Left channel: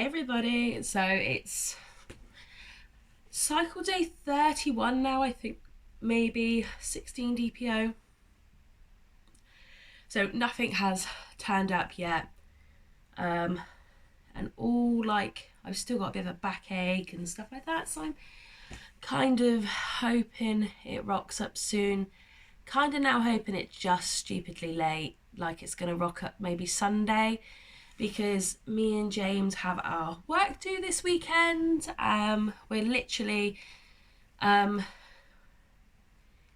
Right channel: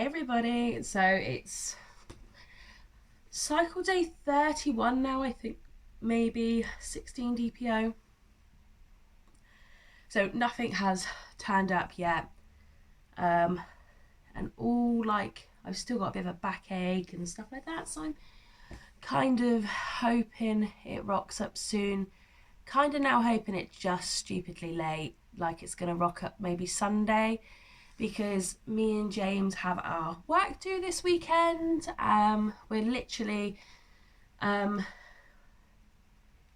Hey everybody, so it's cycle day 31 now, I think maybe 16 DPO. So nothing has turned up yet. And all I've still got a bit of a backache and stuff like that, so I'm kind of hoping it rocks up soon. Kind of now hoping it's just stupidly late, like it's gonna rock up maybe Sunday, because me and James have our work due this weekend. We're literally,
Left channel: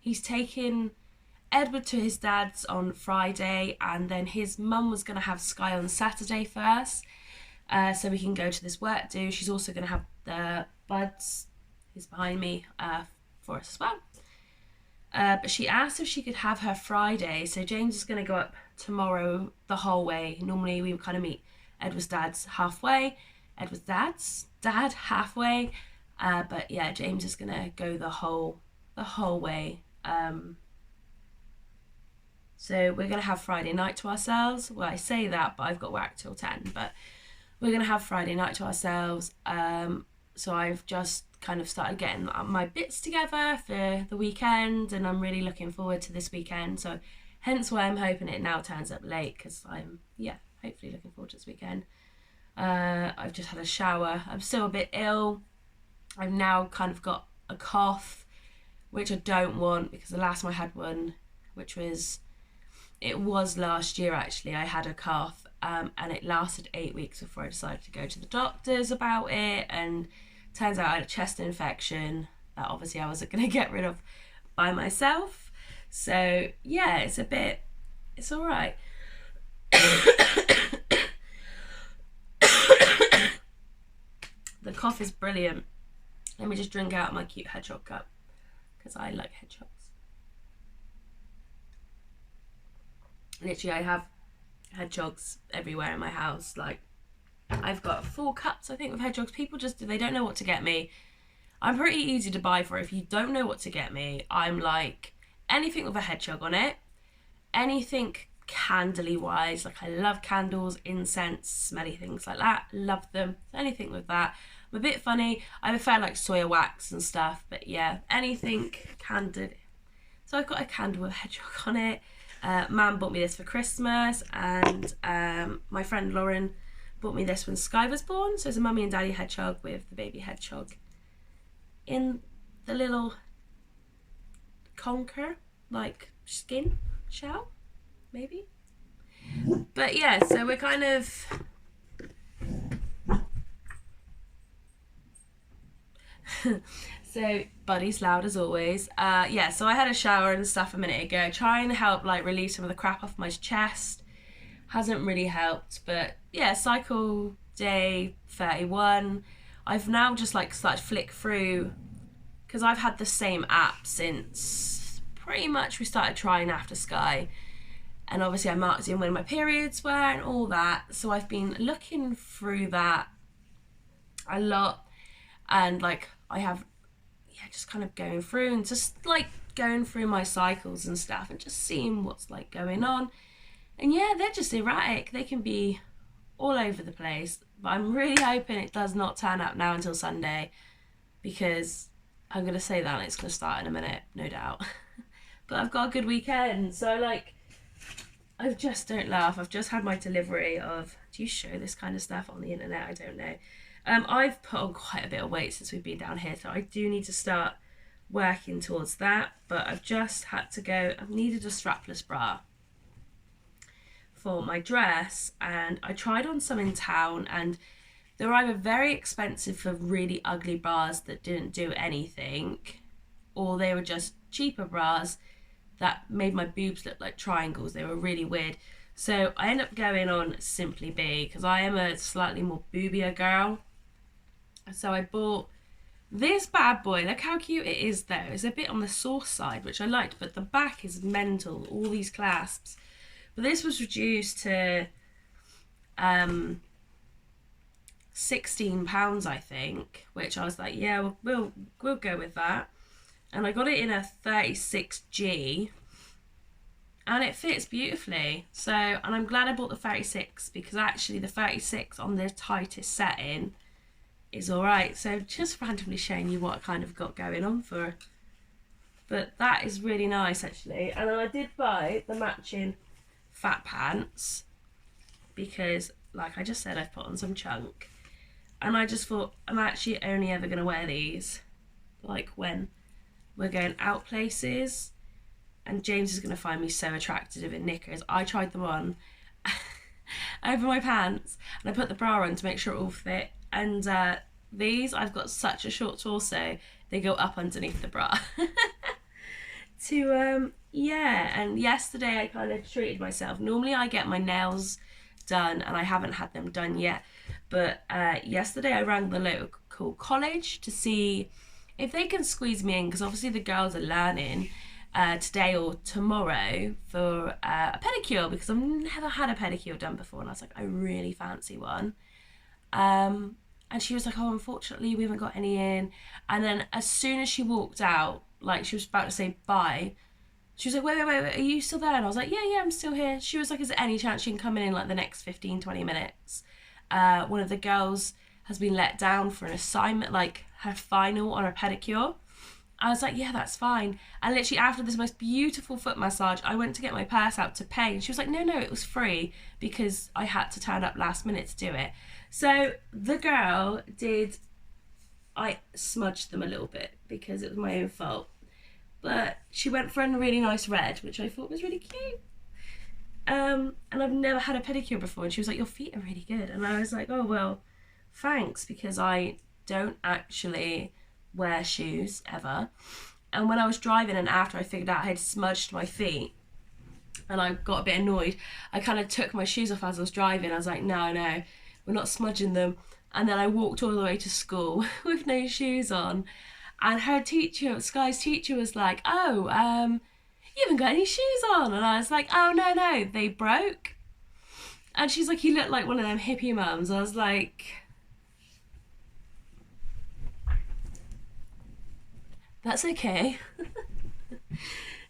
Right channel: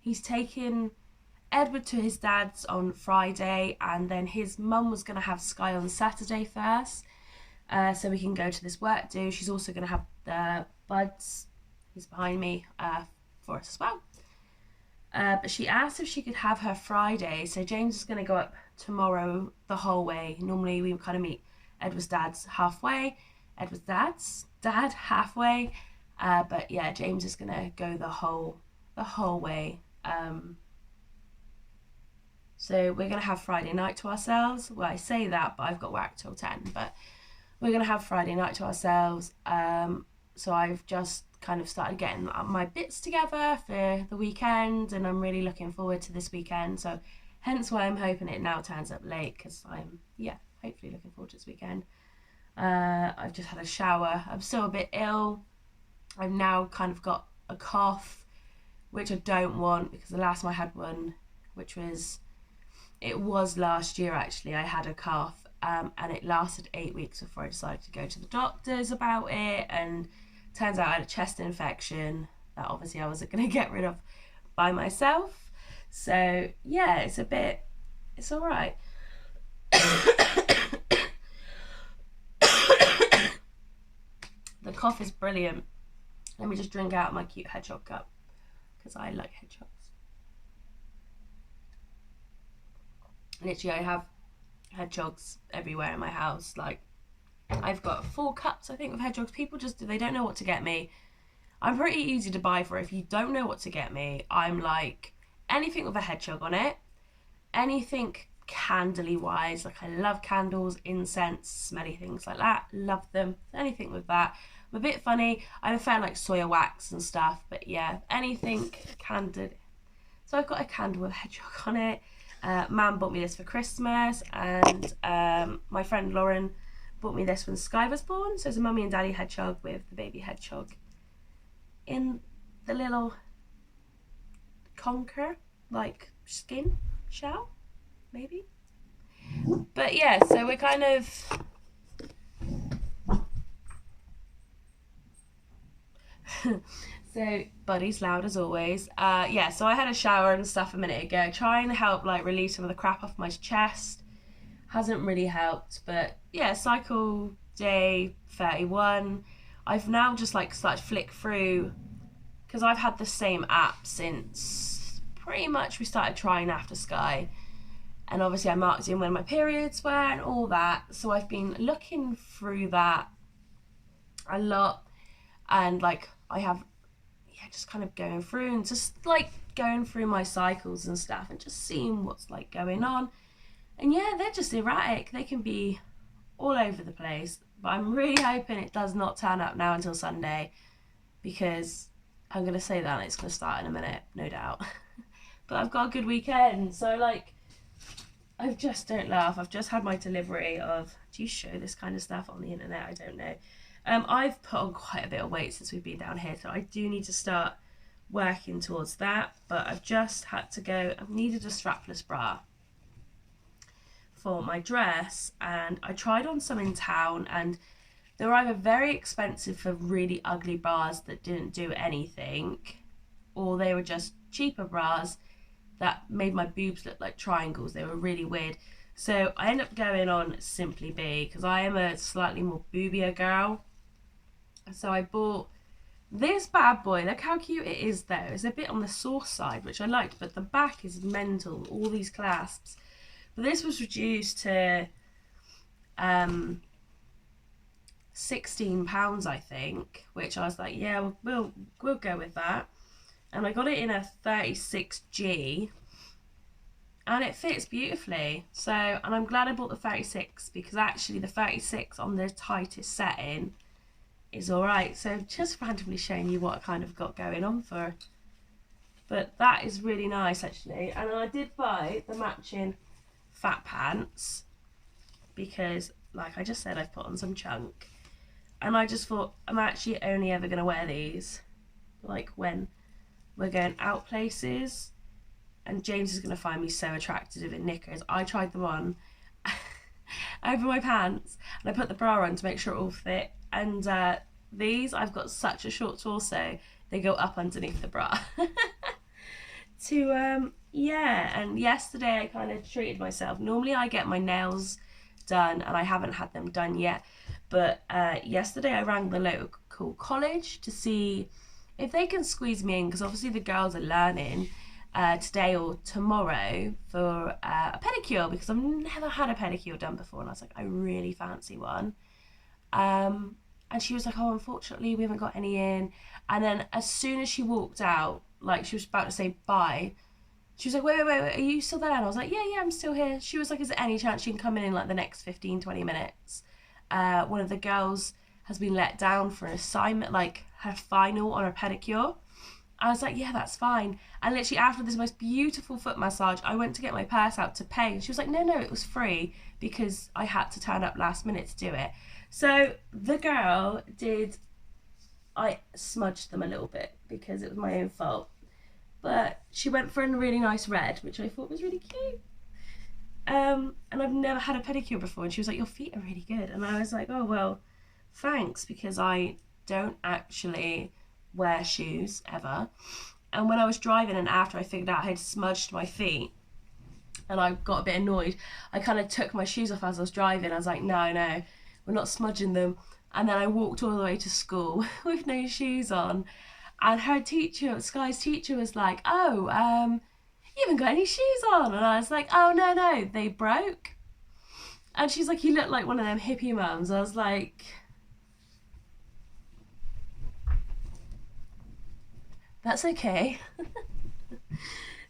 he's taking Edward to his dad's on Friday, and then his mum was going to have Sky on Saturday first, so we can go to this work due. She's also going to have the buds, he's behind me, for us as well. But she asked if she could have her Friday, so James is going to go up tomorrow the whole way. Normally we kind of meet Edward's dad's halfway, Edward's dad's dad halfway, but yeah, James is going to go the whole way. So we're going to have Friday night to ourselves. Well, I say that, but I've got work till 10, but we're going to have Friday night to ourselves. So I've just kind of started getting my bits together for the weekend, and I'm really looking forward to this weekend. So hence why I'm hoping it now turns up late, because I'm, hopefully looking forward to this weekend. I've just had a shower. I'm still a bit ill. I've now kind of got a cough, which I don't want, because the last time I had one, it was last year actually, I had a cough, and it lasted 8 weeks before I decided to go to the doctors about it, and turns out I had a chest infection that obviously I wasn't going to get rid of by myself. So yeah, it's all right. The cough is brilliant. Let me just drink out my cute hedgehog cup, because I like hedgehogs. Literally, I have hedgehogs everywhere in my house. I've got 4 cups, I think, with hedgehogs. People they don't know what to get me. I'm pretty easy to buy for. If you don't know what to get me, I'm like, anything with a hedgehog on it, anything candly wise. I love candles, incense, smelly things like that. Love them. Anything with that. I'm a bit funny. I prefer soya wax and stuff, but yeah, anything candid. So I've got a candle with a hedgehog on it. Mum bought me this for Christmas, and my friend Lauren bought me this when Sky was born. So it's a mummy and daddy hedgehog with the baby hedgehog in the little conker skin shell, maybe. But yeah, so we're kind of so Buddy's loud as always. So I had a shower and stuff a minute ago, trying to help relieve some of the crap off my chest. Hasn't really helped, but yeah, cycle day 31. I've now just started to flick through, because I've had the same app since pretty much we started trying after Sky, and obviously I marked in when my periods were and all that, so I've been looking through that a lot, and I have just kind of going through and just going through my cycles and stuff, and just seeing what's going on. And yeah, they're just erratic. They can be all over the place, but I'm really hoping it does not turn up now until Sunday, because I'm going to say that and it's going to start in a minute, no doubt. But I've got a good weekend, so I've just, don't laugh, I've just had my delivery of, do you show this kind of stuff on the internet? I don't know. I've put on quite a bit of weight since we've been down here, so I do need to start working towards that. But I've just had to go, I've needed a strapless bra for my dress, and I tried on some in town, and they were either very expensive for really ugly bras that didn't do anything, or they were just cheaper bras that made my boobs look like triangles. They were really weird. So I ended up going on Simply Be, because I am a slightly more boobier girl. So I bought this bad boy. Look how cute it is though. It's a bit on the sauce side, which I liked, but the back is mental, all these clasps. But this was reduced to £16, I think, which I was like, yeah, we'll go with that. And I got it in a 36G, and it fits beautifully. So, and I'm glad I bought the 36 because actually the 36 on the tightest setting is alright. So just randomly showing you what I kind of got going on for her. But that is really nice actually. And then I did buy the matching fat pants because, like I just said, I've put on some chunk. And I just thought I'm actually only ever going to wear these like when we're going out places. And James is going to find me so attractive in knickers. I tried them on over my pants and I put the bra on to make sure it all fit. And these, I've got such a short torso, they go up underneath the bra. Yeah, and yesterday I kind of treated myself. Normally I get my nails done and I haven't had them done yet. But yesterday I rang the local college to see if they can squeeze me in, because obviously the girls are learning today or tomorrow for a pedicure, because I've never had a pedicure done before, and I was like, I really fancy one. And she was like, oh, unfortunately we haven't got any in. And then as soon as she walked out, like she was about to say bye, she was like, wait, are you still there? And I was like, yeah, I'm still here. She was like, is there any chance she can come in like the next 15-20 minutes? One of the girls has been let down for an assignment, like her final on her pedicure. I was like, yeah, that's fine. And literally after this most beautiful foot massage, I went to get my purse out to pay. And she was like, no, it was free, because I had to turn up last minute to do it. So the girl I smudged them a little bit because it was my own fault. But she went for a really nice red, which I thought was really cute. And I've never had a pedicure before. And she was like, your feet are really good. And I was like, oh, well, thanks, because I don't actually wear shoes ever. And when I was driving and after I figured out I had smudged my feet and I got a bit annoyed, I kind of took my shoes off as I was driving. I was like, no, we're not smudging them. And then I walked all the way to school with no shoes on. And her teacher, Sky's teacher, was like, oh, you haven't got any shoes on. And I was like, oh, no, they broke. And she's like, you look like one of them hippie mums. I was like, that's okay.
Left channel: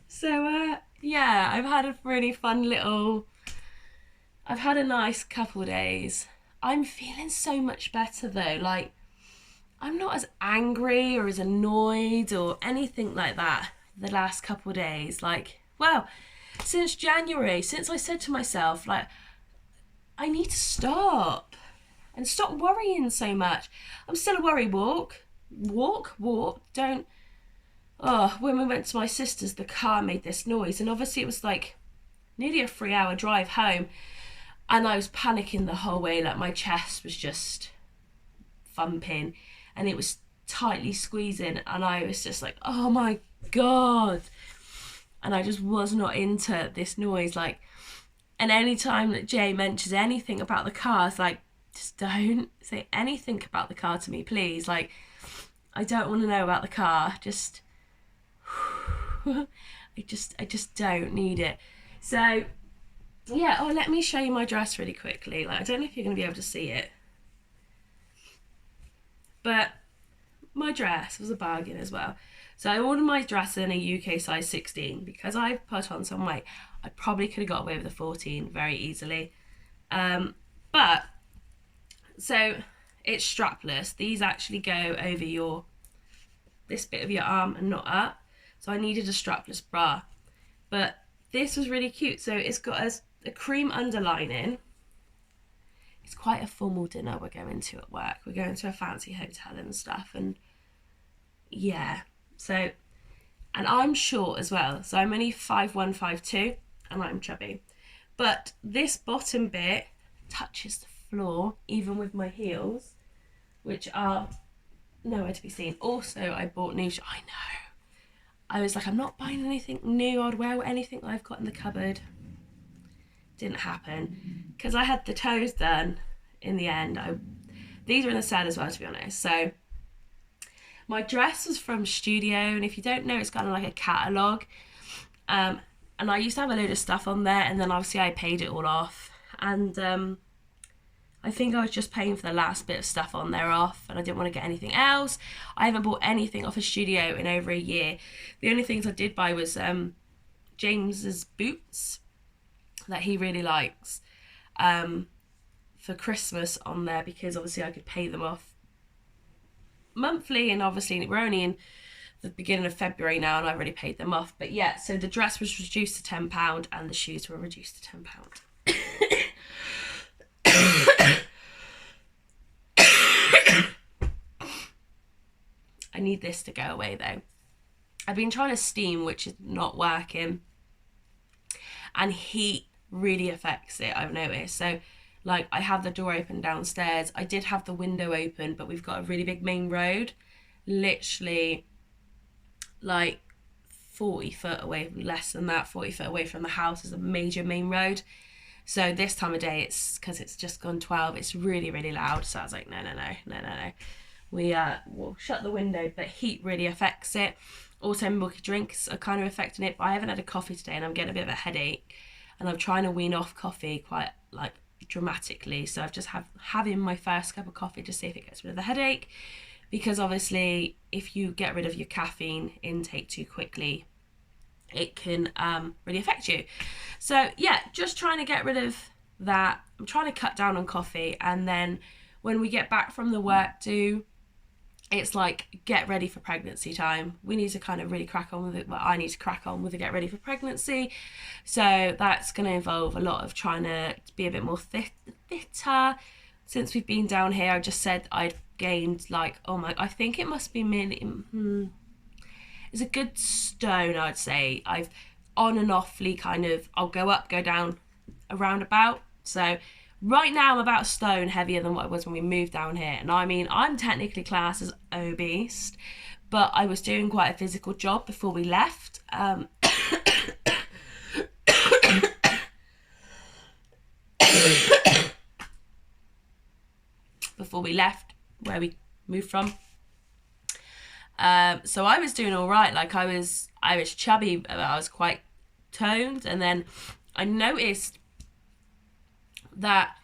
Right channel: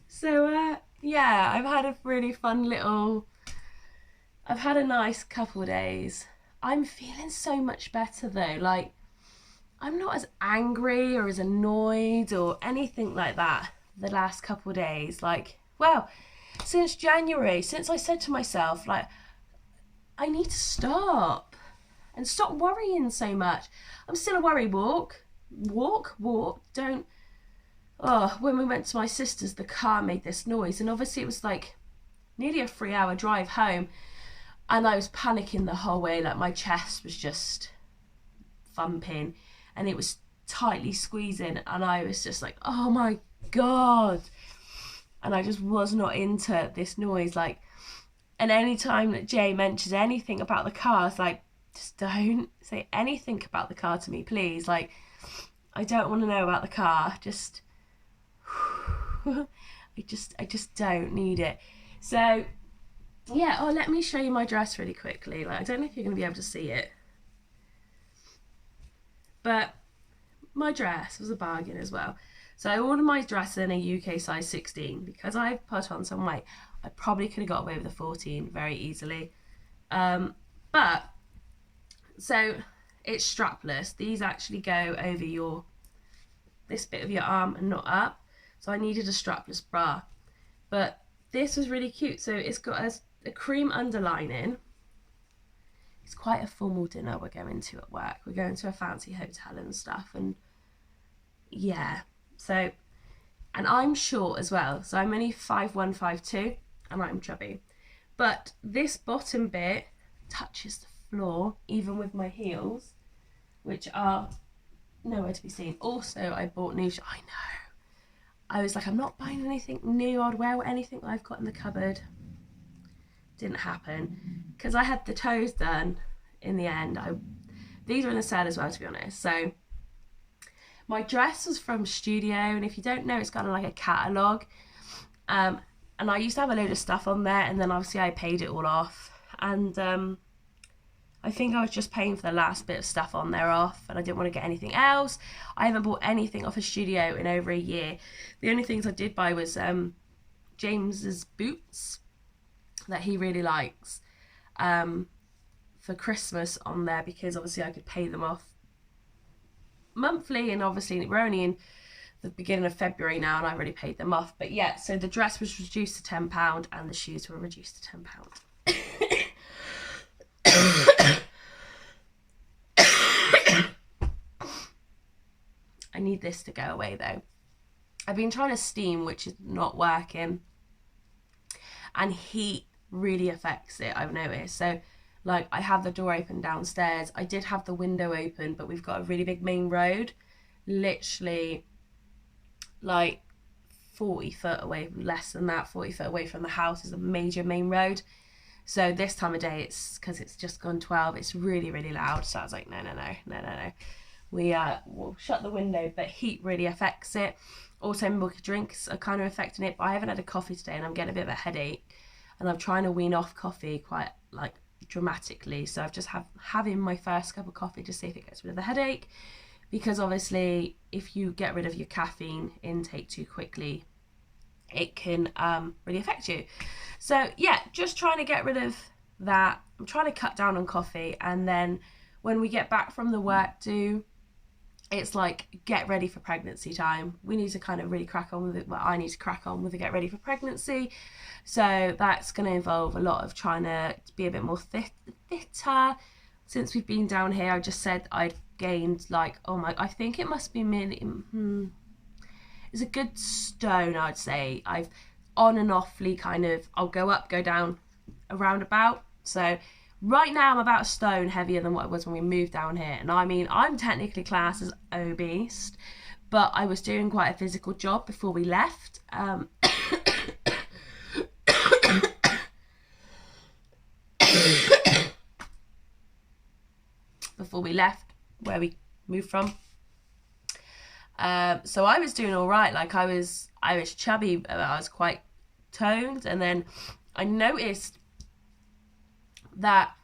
So, yeah, I've had a really fun I've had a nice couple days. I'm feeling so much better though. Like, I'm not as angry or as annoyed or anything like that the last couple days. Like, well, since January, since I said to myself, like, I need to stop and stop worrying so much. I'm still a worry walk. Don't. Oh, when we went to my sister's, the car made this noise, and obviously it was like nearly a 3-hour drive home, and I was panicking the whole way. Like, my chest was just thumping and it was tightly squeezing, and I was just like, oh my god. And I just was not into this noise. Like, and any time that Jay mentions anything about the car, it's like, just don't say anything about the car to me, please. Like, I don't want to know about the car. Just I just don't need it. So yeah, let me show you my dress really quickly. Like, I don't know if you're going to be able to see it, but my dress was a bargain as well. So I ordered my dress in a UK size 16 because I've put on some weight. I probably could have got away with a 14 very easily. But so it's strapless. These actually go over this bit of your arm and not up. So I needed a strapless bra. But this was really cute. So it's got a cream underlining. It's quite a formal dinner we're going to at work. We're going to a fancy hotel and stuff. And yeah, so, and I'm short as well. So I'm only 5'1", 5'2", and I'm chubby. But this bottom bit touches the floor, even with my heels, which are nowhere to be seen. Also, I bought new I know. I was like, I'm not buying anything new. I'd wear anything I've got in the cupboard. Didn't happen because I had the toes done in the end. These were in the set as well, to be honest. So my dress was from Studio, and if you don't know, it's kind of like a catalogue. And I used to have a load of stuff on there, and then obviously I paid it all off. And I think I was just paying for the last bit of stuff on there off, and I didn't want to get anything else. I haven't bought anything off a Studio in over a year. The only things I did buy was James's boots that he really likes for Christmas on there, because obviously I could pay them off monthly, and obviously we're only in the beginning of February now and I've already paid them off. But yeah, so the dress was reduced to £10 and the shoes were reduced to £10. I need this to go away though. I've been trying to steam, which is not working, and heat really affects it, I've noticed. So like, I have the door open downstairs. I did have the window open, but we've got a really big main road, literally like 40 foot away, less than that, 40 foot away from the house is a major main road. So this time of day, it's because it's just gone 12, it's really, really loud. So I was like, no. We'll shut the window, but heat really affects it. Also, milky drinks are kind of affecting it, but I haven't had a coffee today and I'm getting a bit of a headache, and I'm trying to wean off coffee quite like dramatically. So I've just having my first cup of coffee to see if it gets rid of the headache, because obviously if you get rid of your caffeine intake too quickly, it can really affect you. So yeah, just trying to get rid of that. I'm trying to cut down on coffee, and then when we get back from the work do, it's like get ready for pregnancy time. We need to kind of really crack on with it. Well, I need to crack on with the get ready for pregnancy. So that's going to involve a lot of trying to be a bit more fitter. Since we've been down here, I just said I'd gained like, I think it must be it's a good stone, I'd say. I've on and offly kind of, I'll go up, go down, a roundabout. So right now I'm about a stone heavier than what I was when we moved down here. And I mean, I'm technically classed as obese, but I was doing quite a physical job before we left. Before we left where we moved from. So I was doing all right. Like I was chubby, I was quite toned. And then I noticed that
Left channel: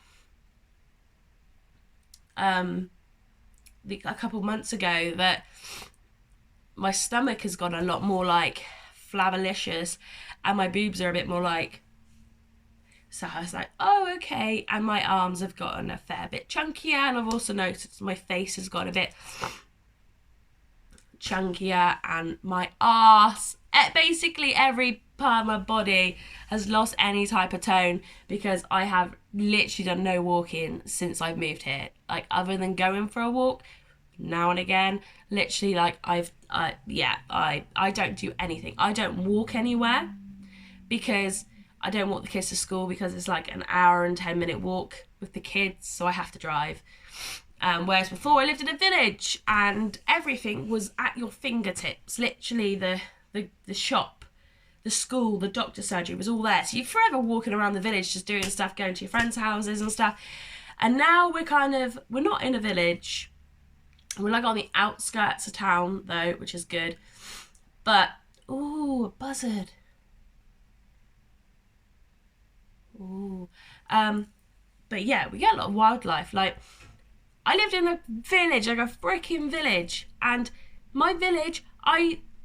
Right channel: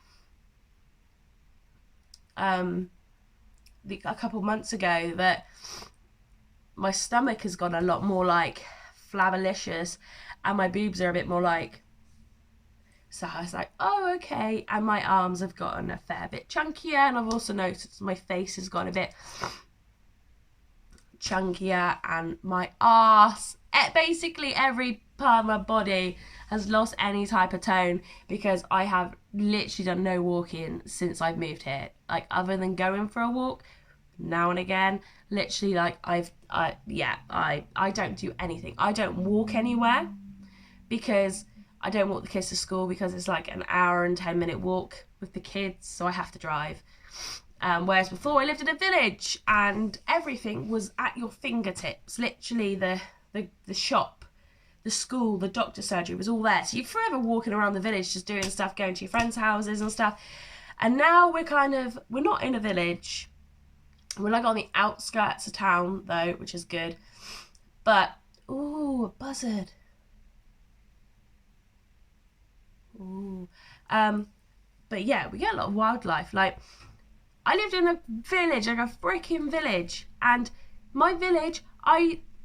a couple months ago that my stomach has got a lot more like flabalicious, and my boobs are a bit more like, so I was like, oh okay. And my arms have gotten a fair bit chunkier, and I've also noticed my face has gotten a bit chunkier, and my arse, basically every part of my body has lost any type of tone, because I have literally done no walking since I've moved here. Like, other than going for a walk now and again, literally like I don't do anything. I don't walk anywhere, because I don't walk the kids to school, because it's like an hour and 10-minute walk with the kids, so I have to drive. Whereas before I lived in a village and everything was at your fingertips. Literally the shop, the school, the doctor's surgery was all there. So you're forever walking around the village just doing stuff, going to your friends' houses and stuff. And now we're not in a village. We're like on the outskirts of town though, which is good. But, ooh, a buzzard. Ooh. But yeah, we get a lot of wildlife. Like, I lived in a village, like a freaking village, and my village,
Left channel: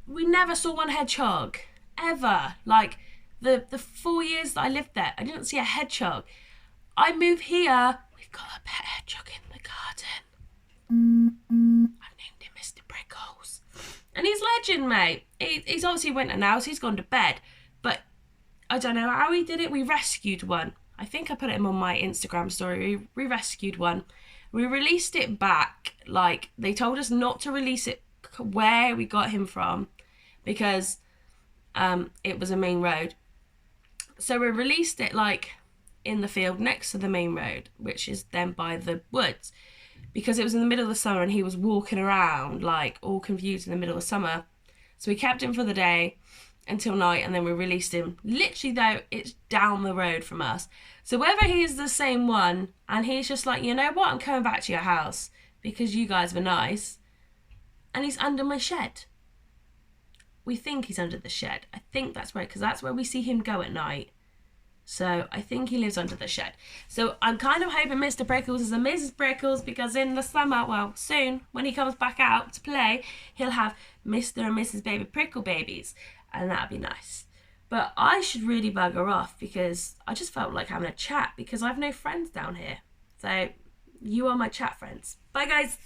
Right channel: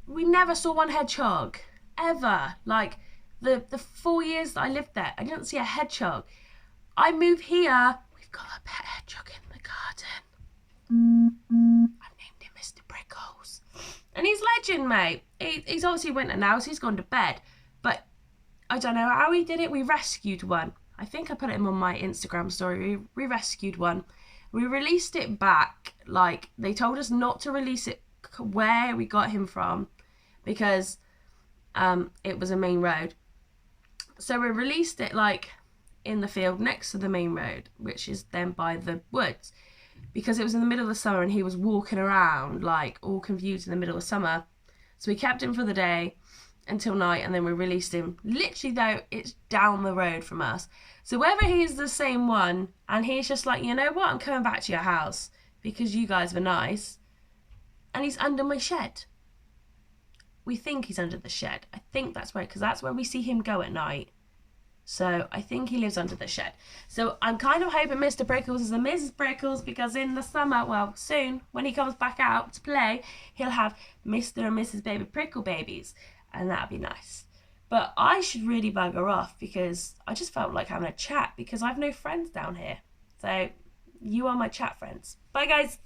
we never saw one hedgehog, ever. Like, the 4 years that I lived there, I didn't see a hedgehog. I move here, we've got a pet hedgehog in the garden. I've named him Mr. Prickles. And he's legend, mate. He's obviously winter now, so he's gone to bed. But I don't know how he did it. We rescued one. I think I put him on my Instagram story. We rescued one. We released it back. Like, they told us not to release it where we got him from, because it was a main road. So we released it like in the field next to the main road, which is then by the woods, because it was in the middle of the summer and he was walking around like all confused in the middle of summer. So we kept him for the day until night, and then we released him. Literally though, it's down the road from us. So whether he is the same one and he's just like, you know what, I'm coming back to your house because you guys were nice, and he's under my shed. We think he's under the shed. I think that's where, because that's where we see him go at night. So I think he lives under the shed. So I'm kind of hoping Mr. Prickles is a Mrs. Prickles, because in the summer, well, soon, when he comes back out to play, he'll have Mr. and Mrs. Baby Prickle babies, and that'd be nice. But I should really bugger off because I just felt like having a chat because I've no friends down here. So you are my chat friends. Bye guys.